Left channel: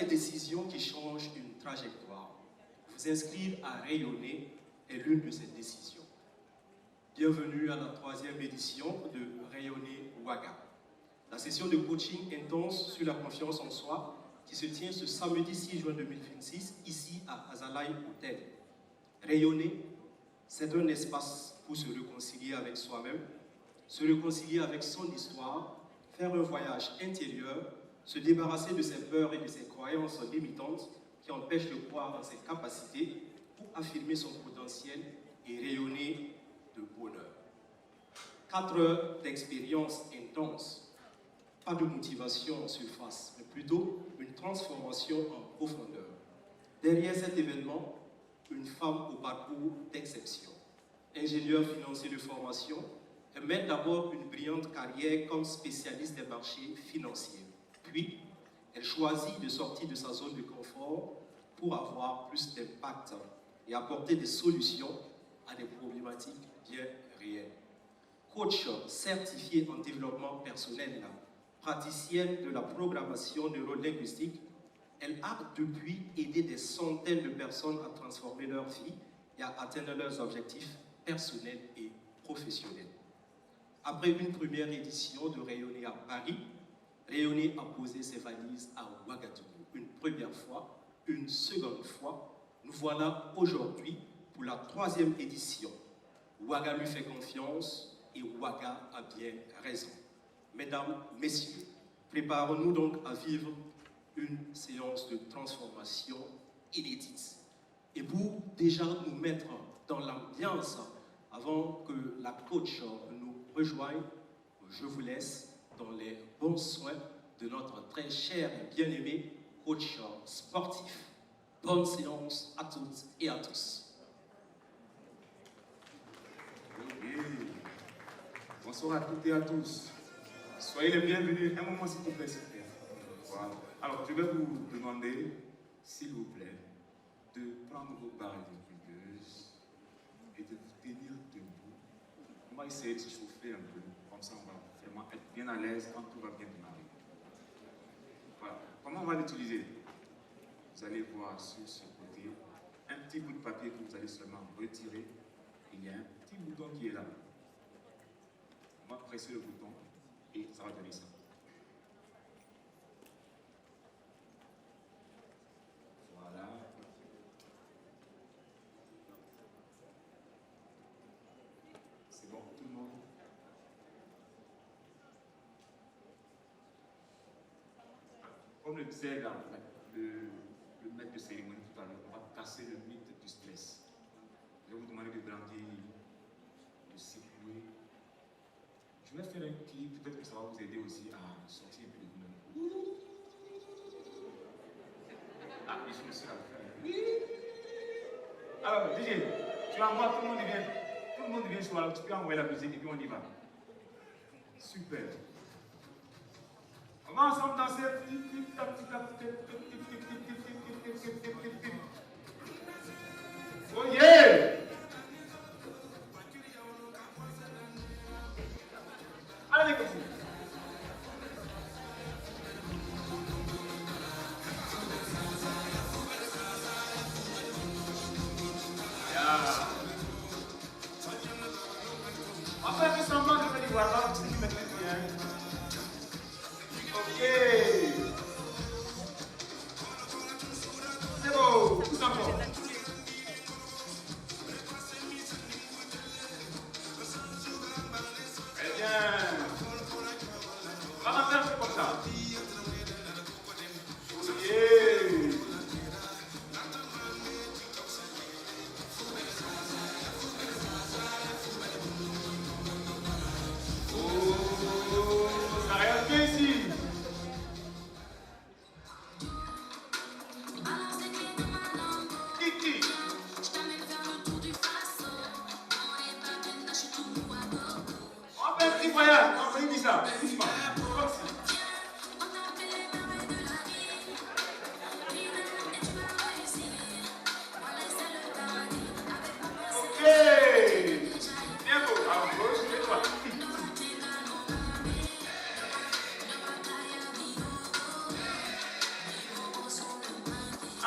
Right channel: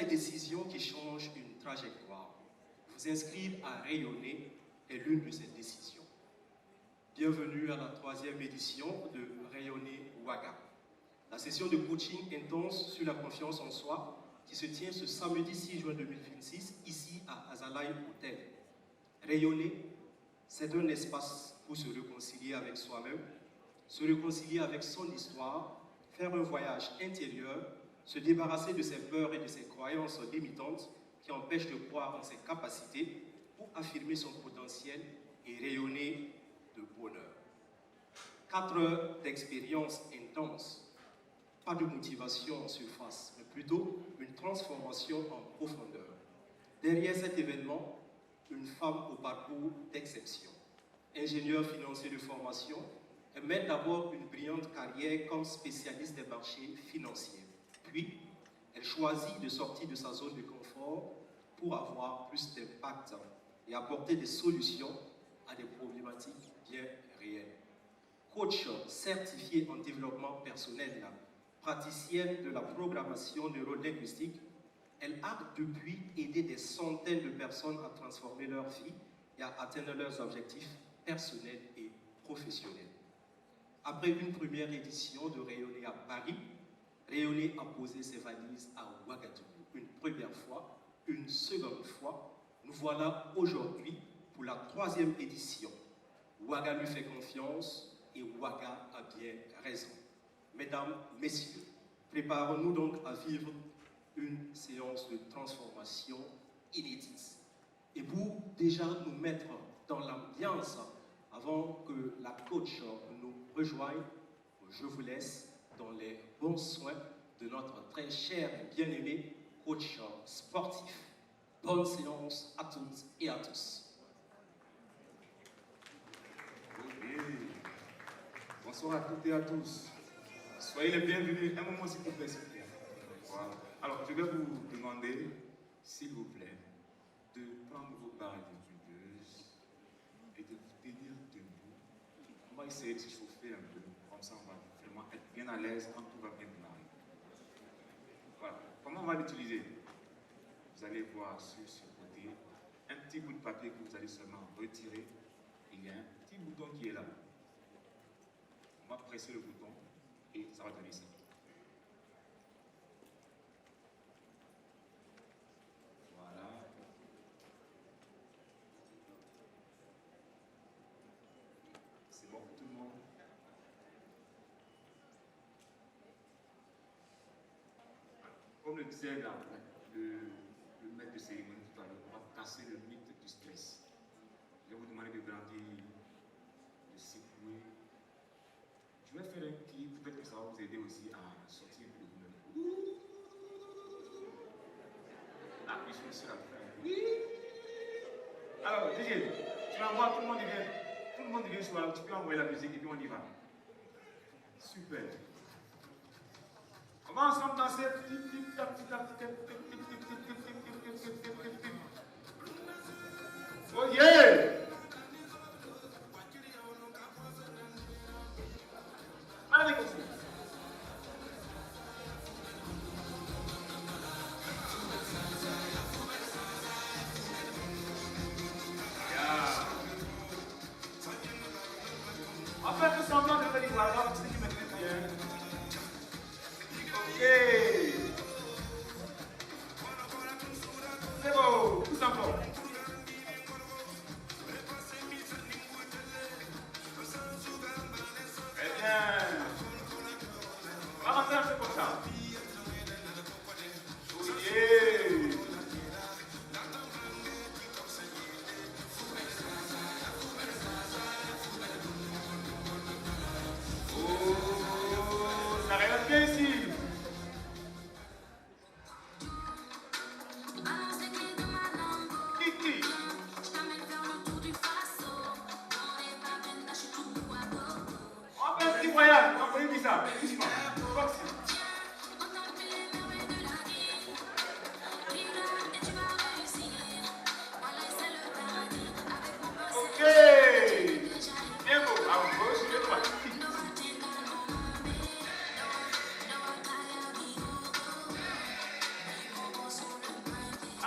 les décisions qui changent une trajectoire. Vous inscrire à rayonner est l'une de ces décisions. Bienvenue à la 3e édition de Rayonner Ouaga. La session de coaching intense sur la confiance en soi qui se tient ce samedi 6 juin 2026 ici à Azalaï Hotel. Rayonner, c'est un espace pour se réconcilier avec soi-même, se réconcilier avec son histoire, faire un voyage intérieur, se débarrasser de ses peurs et de ses croyances limitantes qui empêchent de croire en ses capacités pour affirmer son potentiel et rayonner de bonheur. 4 heures d'expérience intense, pas de motivation en surface, mais plutôt une transformation en profondeur. Derrière cet événement, une femme au parcours d'exception. Ingénieure financier de formation, elle mène d'abord une brillante carrière comme spécialiste des marchés financiers. Puis, elle choisit de sortir de sa zone de confort pour avoir plus d'impact et apporter des solutions à des problématiques bien réelles. Coach certifiée en développement personnel, praticienne de la programmation neuro-linguistique, elle a depuis aidé des centaines de personnes à transformer leur vie et à atteindre leurs objectifs personnels et professionnels. Après une première édition de Rayonner à Paris, Rayonner a posé ses valises à Ouagadougou. Une première fois, une seconde fois, nous voilà aujourd'hui pour la 3e édition. Ouaga lui fait confiance et Ouaga a bien raison. Mesdames, Messieurs, préparons-nous donc à vivre une séance de transformation inédite. Et pour déjà nous mettre dans l'ambiance, avant que la coach nous rejoigne, je vous laisse dans les bons soins de notre très cher et bien-aimé coach sportif. Bonne séance à toutes et à tous. Bonsoir à toutes et à tous. Soyez les bienvenus. Un moment, s'il vous plaît, s'il vous plaît. Wow. Alors, je vais vous demander, s'il vous plaît, de prendre vos barres équipeuses et de vous tenir debout. On va essayer de se chauffer un peu. Comme ça, on va vraiment être bien à l'aise quand tout va bien démarrer. Voilà. Comment on va l'utiliser? Vous allez voir sur ce côté un petit bout de papier que vous allez seulement retirer. Il y a un petit bouton qui est là. On va presser le bouton et ça va donner ça. Voilà. C'est bon pour tout le monde. Comme le disait là, le maître de cérémonie tout à l'heure, on va casser le mythe du stress. Je vais vous demander de grandir, de circuler. Je vais faire un clip, peut-être que ça va vous aider aussi à sortir un peu de vous-même. Ah, je suis aussi à le faire. Alors, DJ, tu envoies, tout le monde vient sur la, tu peux envoyer la musique et puis on y va. Super. On va ensemble danser. Oh yeah! Allez, continue. Yeah. Après que semblant de faire du voilà, c'est qui me fait bien. Ok. C'est beau.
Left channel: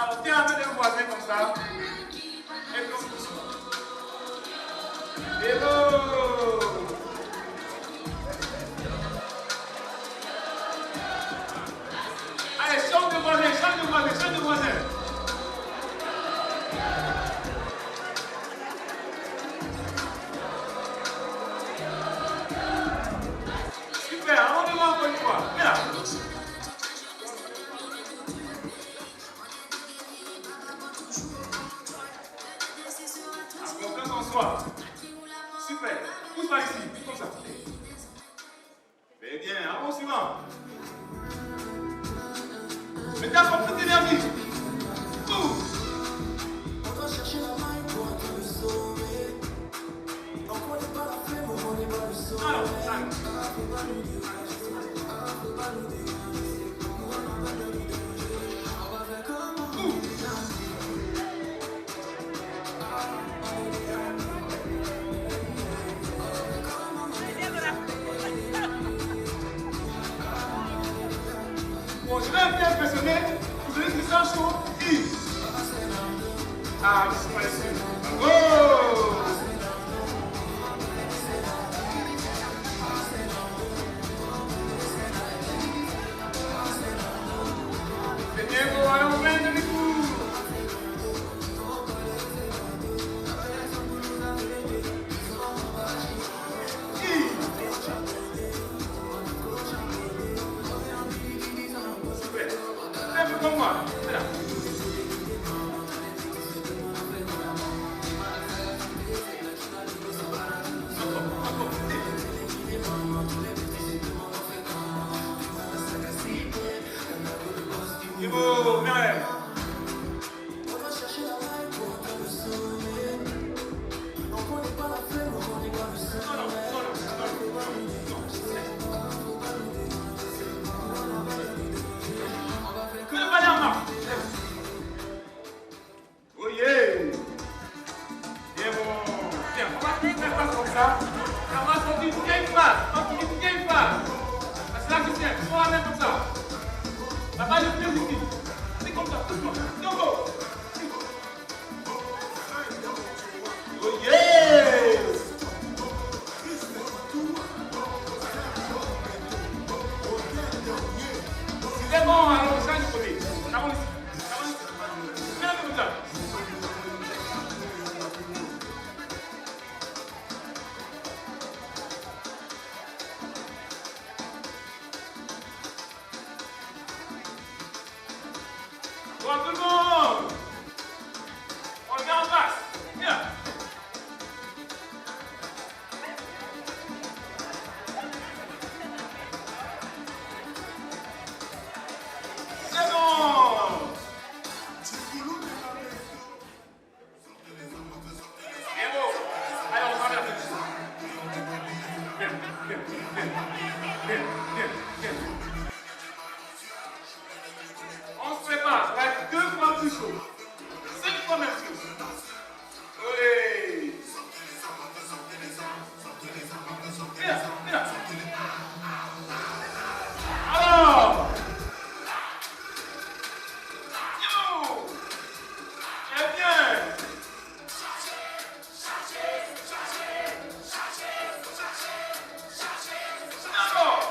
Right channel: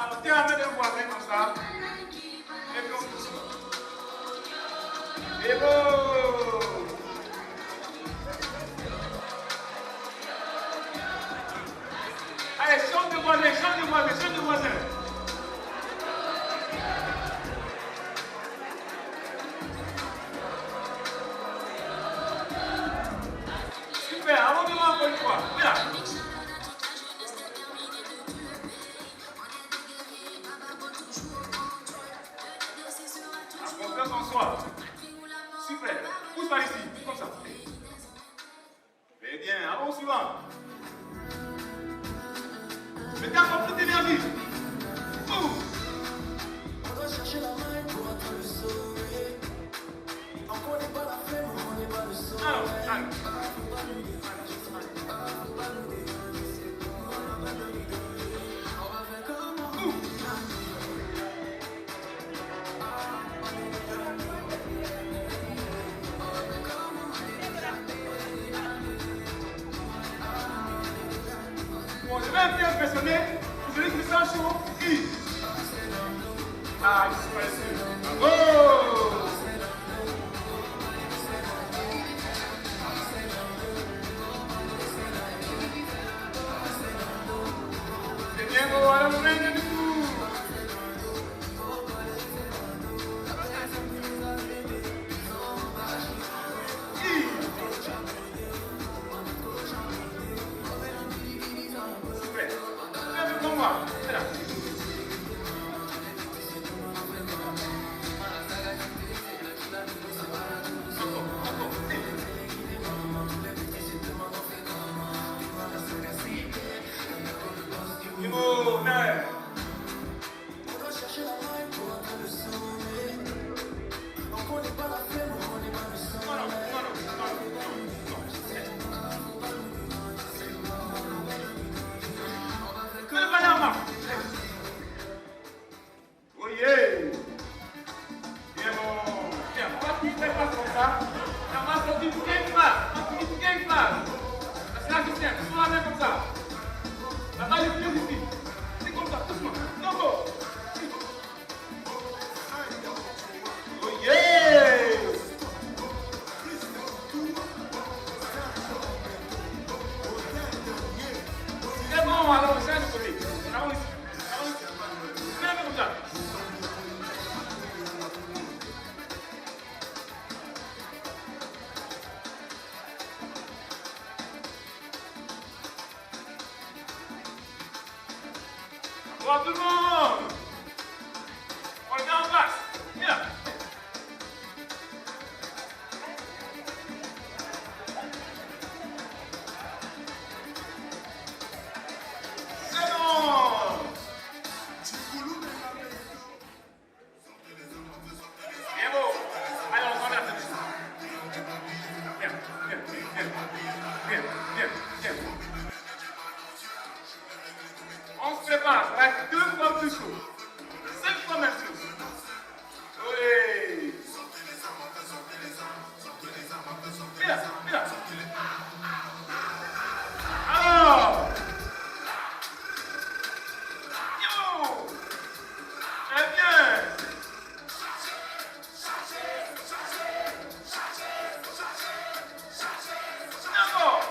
Alors, tiens la main des voisins comme ça. Et comme ça. Et bon. Allez, chante de voisin, chante de voisin, chante de voisin. Super, allons-y encore une fois. Viens. Confiance en soi. Super. Pousse par ici, comme ça. Très bien, allons suivant. Mettez encore plus d'énergie. On doit chercher la main pour te sauver. On n'est pas la flemme, on n'est pas le sauver. Bon, je vais un peu impressionner. Vous allez vous faire chaud. Ah, je suis pressé. Oh! C'est bien, on va aller du coup. Super. Un peu comme moi. Voilà. Niveau 9. On va chercher la main pour te sauver. On n'est pas la flemme, on n'est pas le seul. Que le balai en bas. Oh yeah. Bien bon. Bien, on va faire ça comme ça. Ça va sortir pour qu'il y ait une phase. On va sortir pour qu'il y ait une phase. Parce que là, je tiens. On va mettre comme ça. La balle est bien aussi. C'est comme ça, tout le monde. Bravo. Oh yeah! C'est bon, alors on change de côté. Allons ici. Viens comme ça. Bon, tout le monde! On est en face. Viens. C'est bon! C'est bon. Allez, on va faire ça. Viens, viens, viens, viens, viens, viens. On se prépare, ça va être 2 fois plus chaud. 5 fois même plus. Oui. Viens, viens. Alors. Yo. Très bien. D'accord.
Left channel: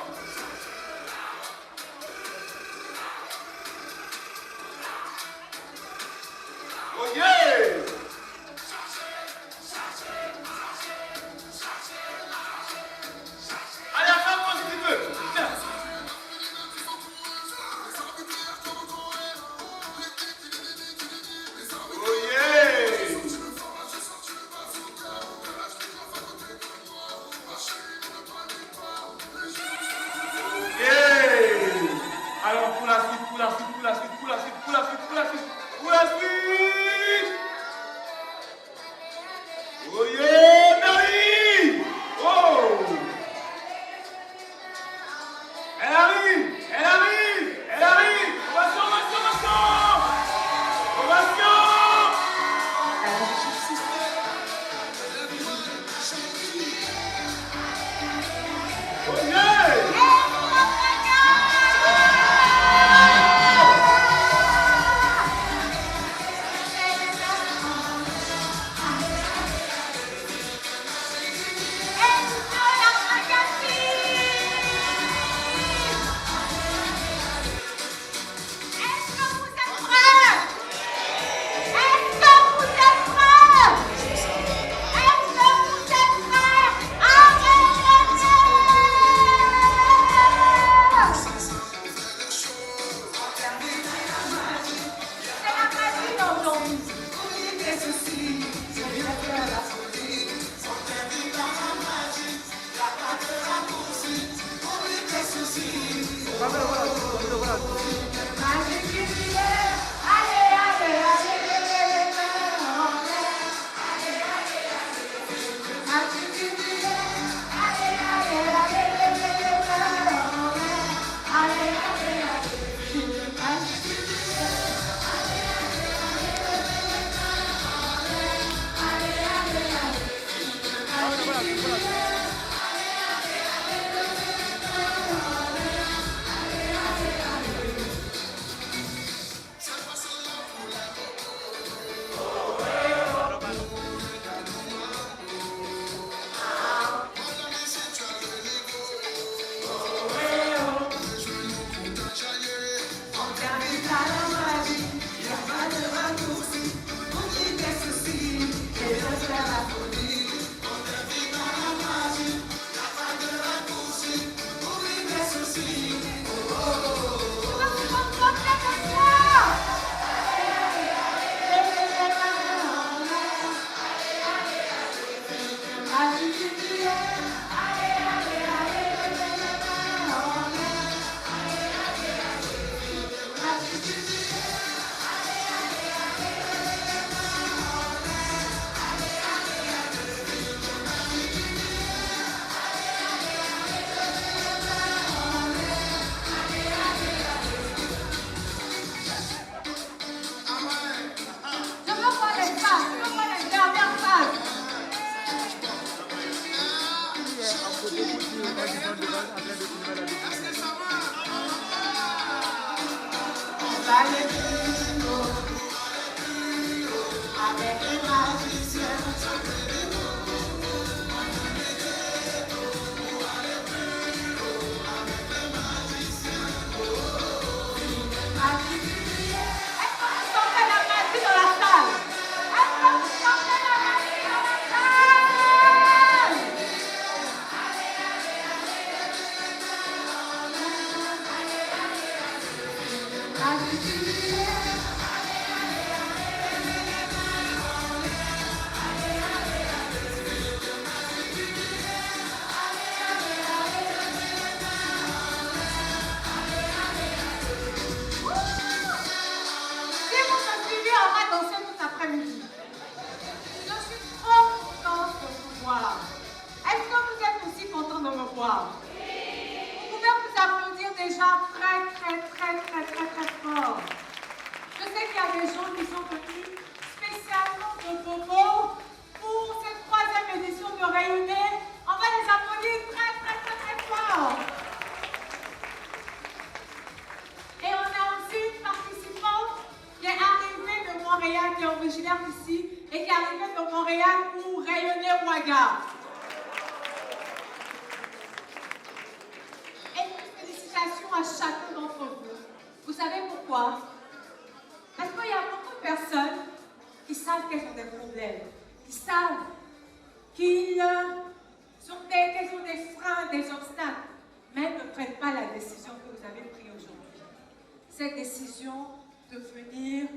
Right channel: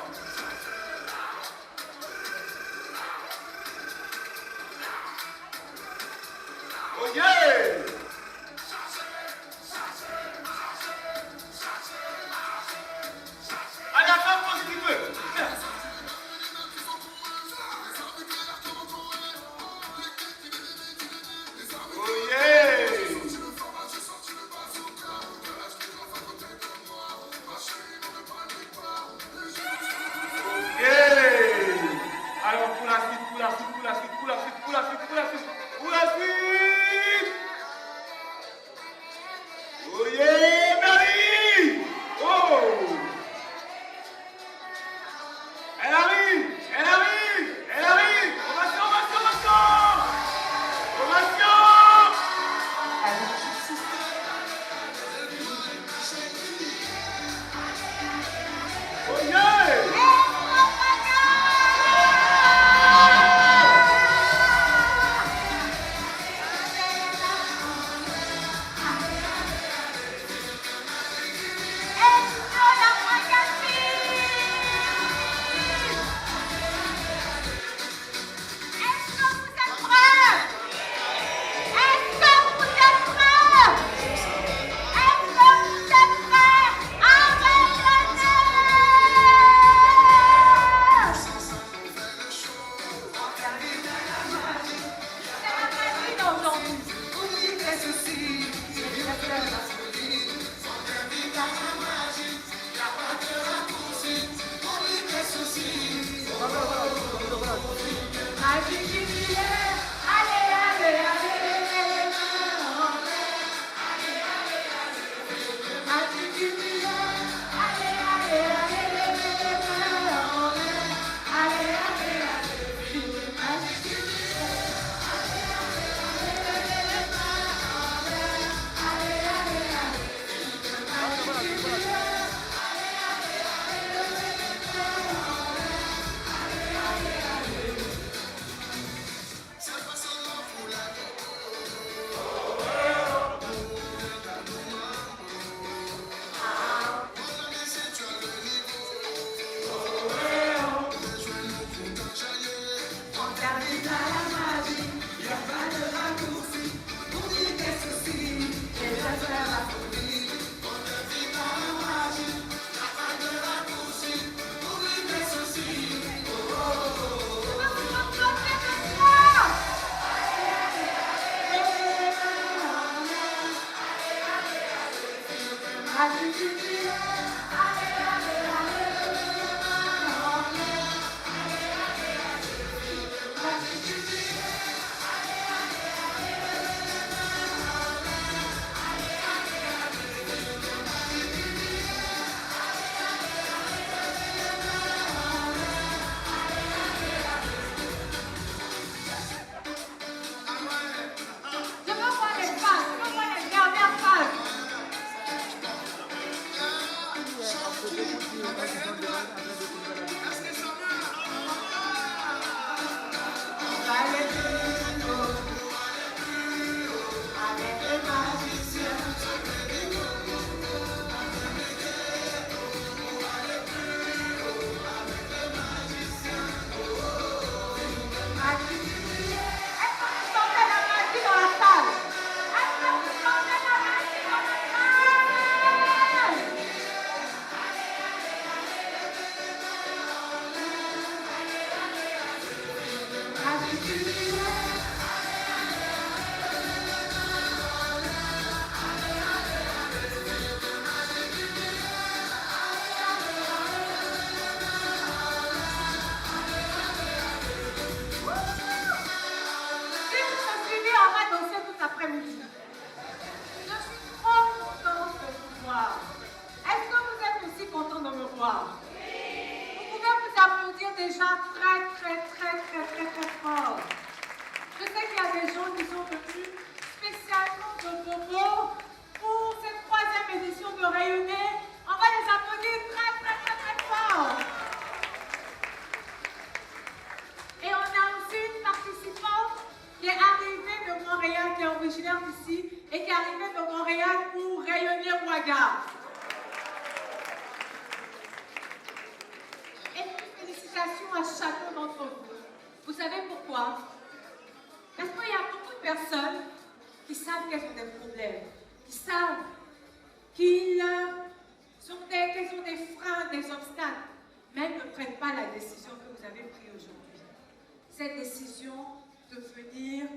Cette décision de venir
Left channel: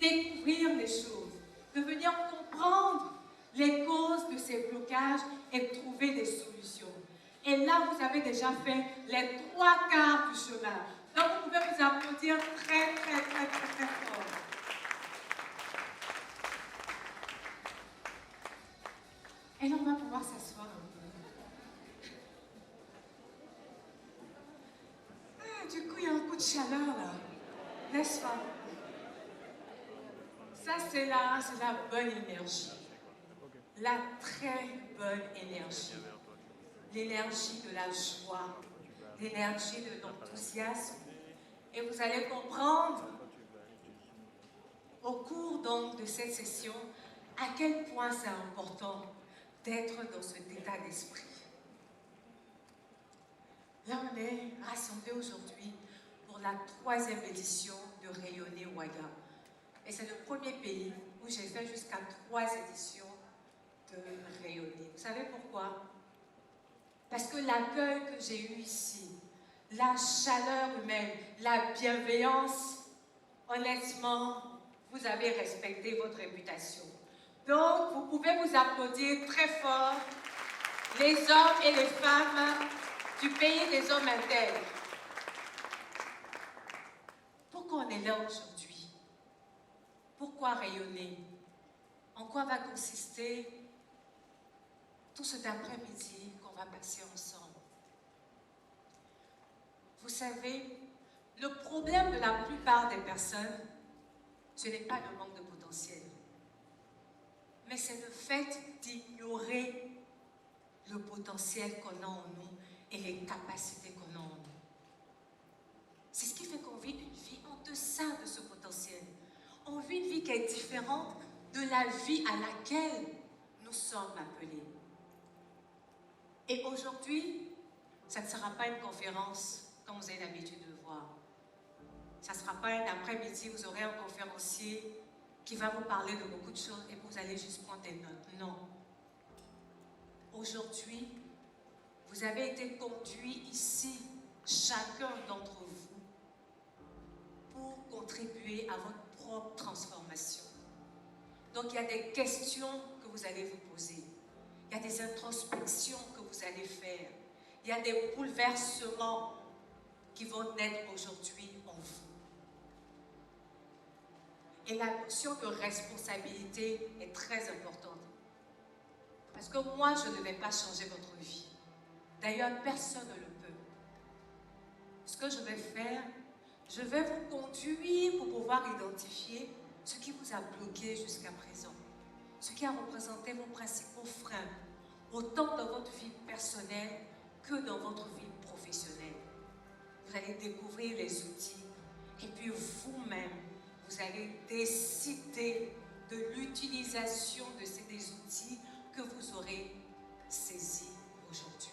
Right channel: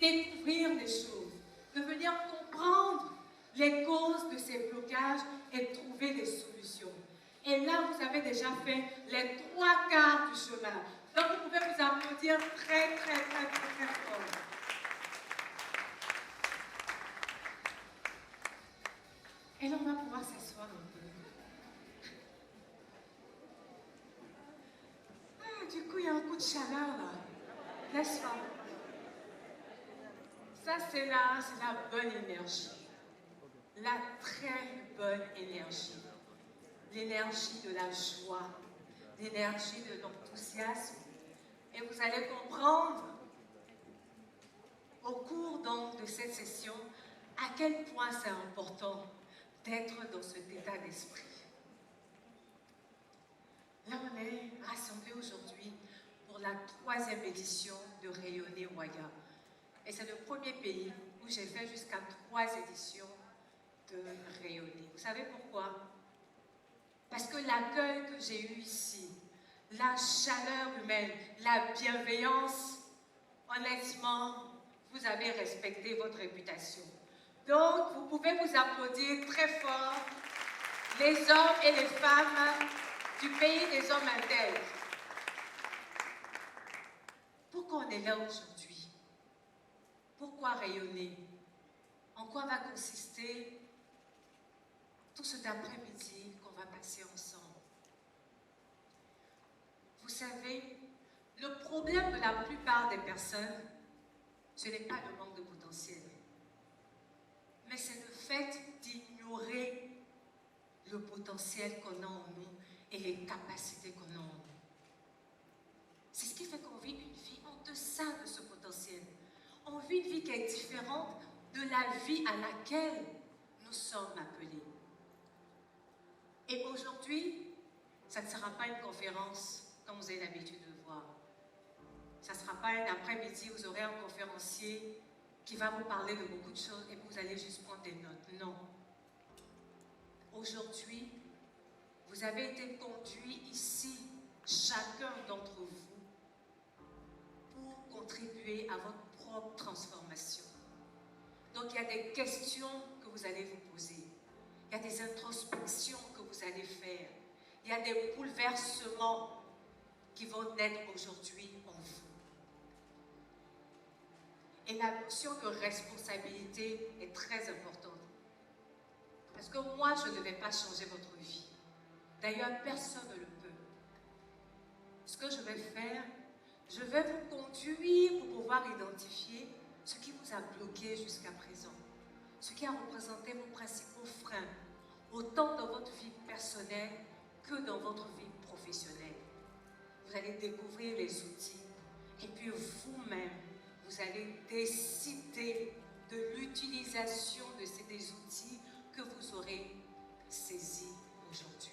découvrir les choses, de venir comprendre les causes de ces blocages et trouver des solutions. Et là, vous avez déjà fait les 3/4 du chemin. Donc, vous pouvez vous applaudir très, très, très, très, très fort. Et là, on va pouvoir s'asseoir un peu. Ah, du coup, il y a un coup de chaleur, là. N'est-ce pas? Ça, c'est la bonne énergie. La très bonne énergie. L'énergie de la joie, l'énergie de l'enthousiasme. Et vous allez comprendre au cours donc de cette session à quel point c'est important d'être dans cet état d'esprit. Là, on est rassemblés aujourd'hui pour la 3e édition de Rayonner Ouaga. Et c'est le premier pays où j'ai fait jusqu'à 3 éditions de Rayonner. Vous savez pourquoi? Parce que l'accueil que j'ai eu ici, la chaleur humaine, la bienveillance, honnêtement, vous avez respecté votre réputation. Donc, vous pouvez vous applaudir très fort, les hommes et les femmes du pays des hommes intègres. Pourquoi on est là aujourd'hui? Pourquoi rayonner? En quoi va consister tout cet après-midi qu'on va passer ensemble? Vous savez, le problème de la plupart des personnes, ce n'est pas le manque de potentiel, mais c'est le fait d'ignorer le potentiel qu'on a en nous et les capacités qu'on a en nous. C'est ce qui fait qu'on vit une vie en deçà de ce potentiel. On vit une vie qui est différente de la vie à laquelle nous sommes appelés. Et aujourd'hui, ça ne sera pas une conférence comme vous avez l'habitude de le voir. Ça ne sera pas un après-midi, vous aurez un conférencier qui va vous parler de beaucoup de choses et vous allez juste prendre des notes. Non. Aujourd'hui, vous avez été conduits ici, chacun d'entre vous, pour contribuer à votre propre transformation. Donc, il y a des questions que vous allez vous poser. Il y a des introspections que vous allez faire. Il y a des bouleversements qui vont naître aujourd'hui en vous. Et la notion de responsabilité est très importante. Parce que moi, je ne vais pas changer votre vie. D'ailleurs, personne ne le peut. Ce que je vais faire, je vais vous conduire pour pouvoir identifier ce qui vous a bloqué jusqu'à présent. Ce qui a représenté vos principaux freins, autant dans votre vie personnelle que dans votre vie professionnelle. Vous allez découvrir les outils et puis vous-même, vous allez décider de l'utilisation de ces outils que vous aurez saisis aujourd'hui.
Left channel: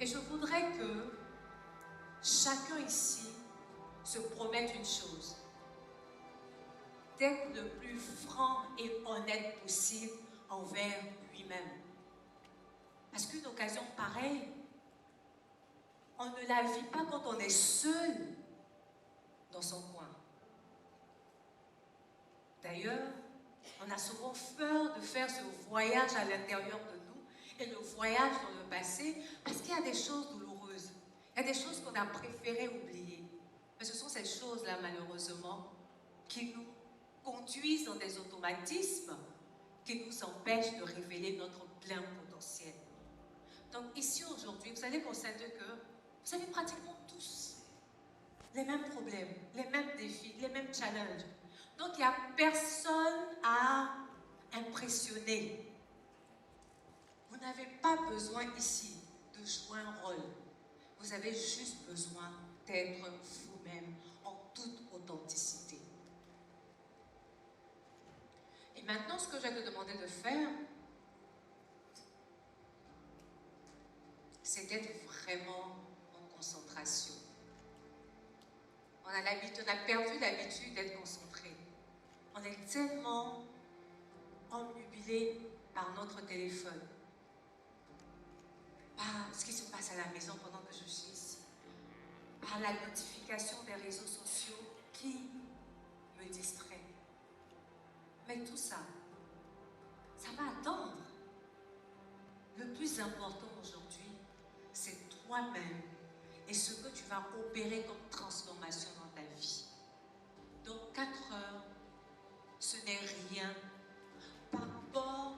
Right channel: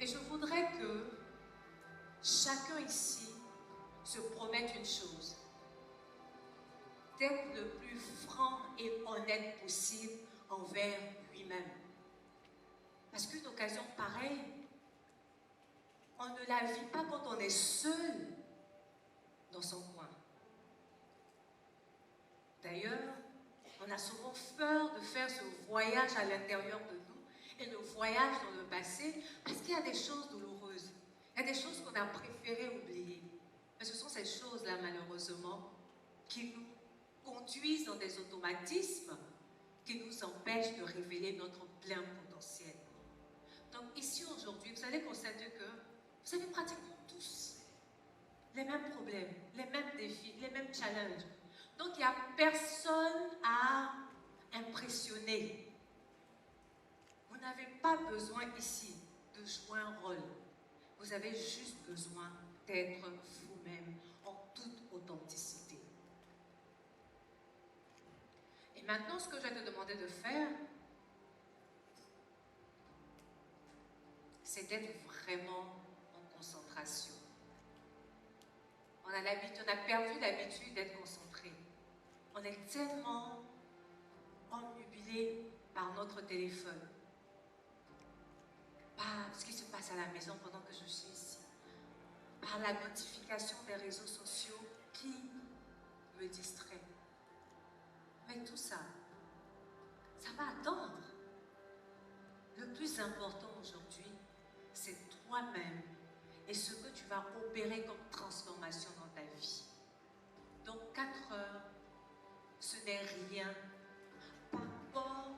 Et je voudrais que chacun ici se promette une chose, d'être le plus franc et honnête possible envers lui-même. Parce qu'une occasion pareille on ne la vit pas quand on est seul dans son coin. D'ailleurs, on a souvent peur de faire ce voyage à l'intérieur de nous et le voyage dans le passé parce qu'il y a des choses douloureuses. Il y a des choses qu'on a préféré oublier. Mais ce sont ces choses-là, malheureusement, qui nous conduisent dans des automatismes qui nous empêchent de révéler notre plein potentiel. Donc ici, aujourd'hui, vous allez constater que vous avez pratiquement tous les mêmes problèmes, les mêmes défis, les mêmes challenges. Donc il n'y a personne à impressionner. Vous n'avez pas besoin ici de jouer un rôle. Vous avez juste besoin d'être vous-même en toute authenticité. Et maintenant, ce que je vais te demander de faire, c'est d'être vraiment en concentration. On a perdu l'habitude d'être concentré. On est tellement omnubilé par notre téléphone, par ce qui se passe à la maison pendant que je suis ici, par la notification des réseaux sociaux qui me distrait. Mais tout ça, ça va attendre. Le plus important aujourd'hui, c'est toi-même et ce que tu vas opérer comme transformation dans ta vie. Donc 4 heures, ce n'est rien par rapport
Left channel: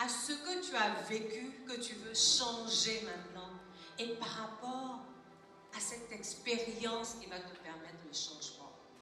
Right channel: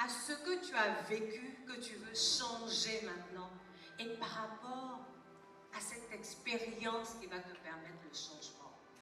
à ce que tu as vécu, que tu veux changer maintenant, et par rapport à cette expérience qui va te permettre le changement.